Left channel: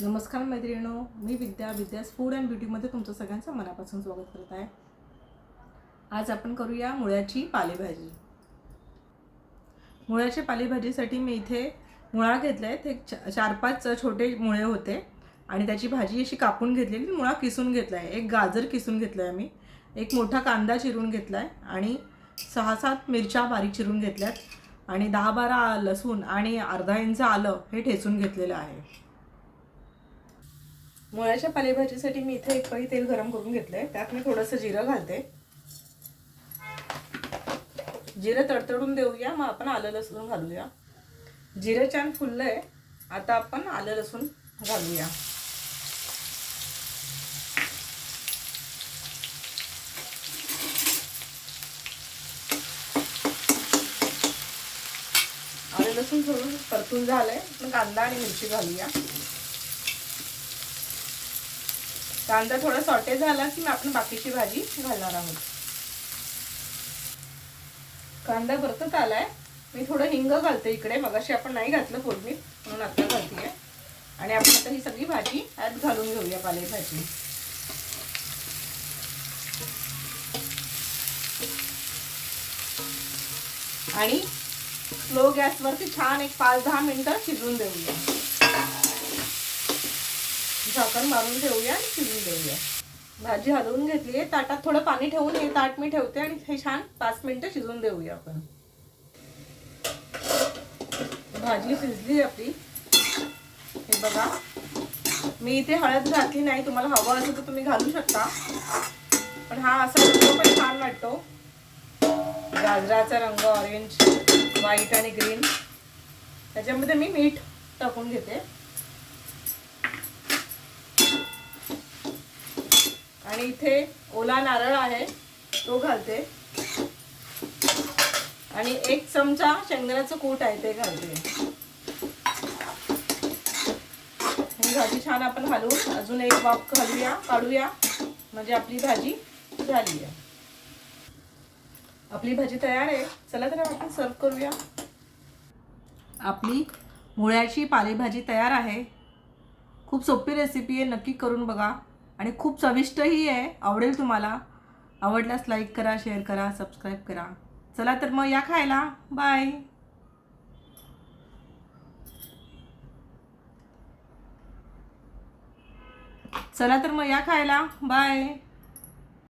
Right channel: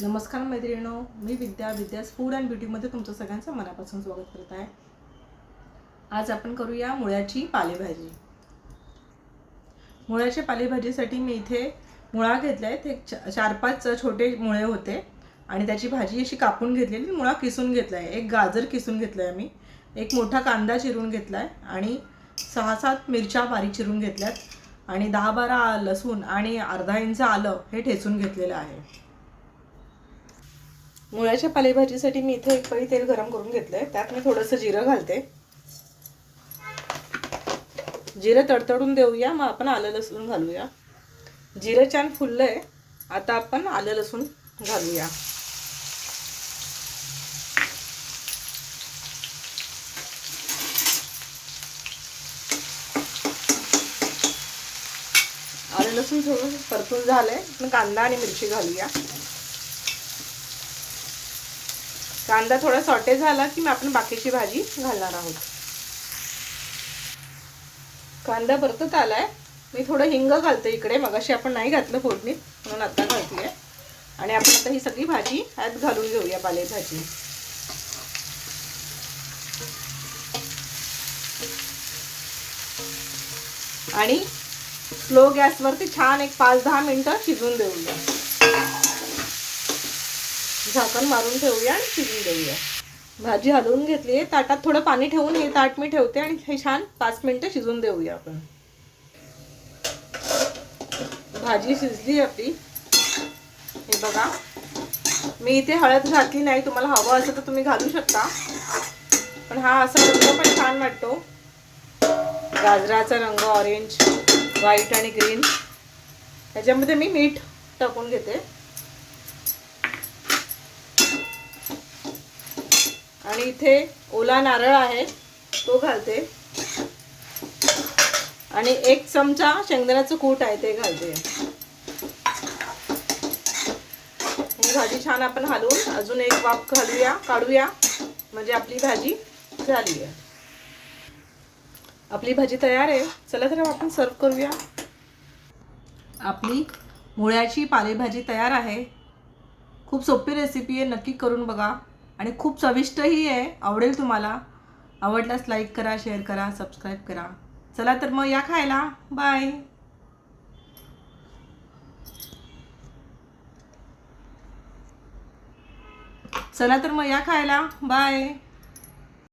नमस्कार मैत्रिणींनो, मी विद्यास food and ब्युटीमध्ये तुमचं सगळ्यांचं मनापासून स्वागत करत आहे। आज आपण करूया मुळ्याची पालेभाजी। मुळ्याच्या पालेभाजीसाठी मी इथे मुळा घेतला आहे। ते 4-5 छोटे मुळे होते आणि त्याची भाजी अशी कापून घेतलेली, मुळा किसून घेतला आहे। एक गाजर किसून घेतला आहे मी, एक मोठा कांदा चिरून घेतला आहे आणि 6-7 मिरच्या बारीक चिरून घेतल्यात आणि 10-12 लसूण आणि अर्धा इंच आलं हे ठेचून घेतलेलं आहे। मुळ्याच्या पालेभाजीसाठी मी इथे एक पळी तेल गरम करून घेतलंय। त्यात मी थोडंसं जिरं घालते। जिरं तडतडून देऊया, मग आपण आलं लसूण घालूया। जिरं छान फुललंय, आता आपण आलं लसूण घालूया। आलं लसूण थोडं परतून झालंय, मग कांदा आणि मिरची घालूया। कांदा थोडा सॉटे झाला की आपण बाकीची भाजी घालणार आहोत। कांदा परतत आलाय, मी थोडं हिंग घालते इकडे, मगाशी आपण नाही घातलं फोडणीत म्हणून आता घालतेय। आणि आपण आता ही सगळी भाजी यात घालून घेऊया, पालेभाजी। आणि स्लो गॅसवरती छान एक 5-10 मिनिटं शिजून देऊया। झाकण मारून ठेवूया आणि शिजून देऊया। भाजी हलवून घेतली आहे, ताटात थोडं पाणी ठेवून हे ताट मी ठेवते आणि हे छान 5 मिनिटं शिजून देऊया आपण। भाजी शिजली आपली, हे बघा। मी इथे हळद घातली नाही, तुम्हाला हवं असेल तर तुम्ही घालू शकता, पण हा असा रंग पण छान वाटतो। गाजराचा रंग ऑरेंज, व्हाईट आणि ग्रीन। त्याच्यामध्ये मी मीठ टाकून घेते आणि इथे ओला नारळ आहे तो घालते आणि 1 चमचा शेंगदाण्याचं कूट आहे ते घालते। ही भाजी छान आपण हलवून अजून एक वाफ घालूया, काढूया, म्हणजे आपली भाजी झाली आहे। आपली भाजी तयार आहे। चला तर आपण सर्व करूया। आपली मुळ्याची पालेभाजी तयार आहे। खूप सोपी रेसिपी आहे, नक्की करून बघा आणि खूप चविष्टही आहे, आवडेल तुम्हाला। आवडल्यास लाईक करा, शेअर करा, सबस्क्राईब करा। चला तर मग या खायला, बाय। चला तर मग या खायला, बाय।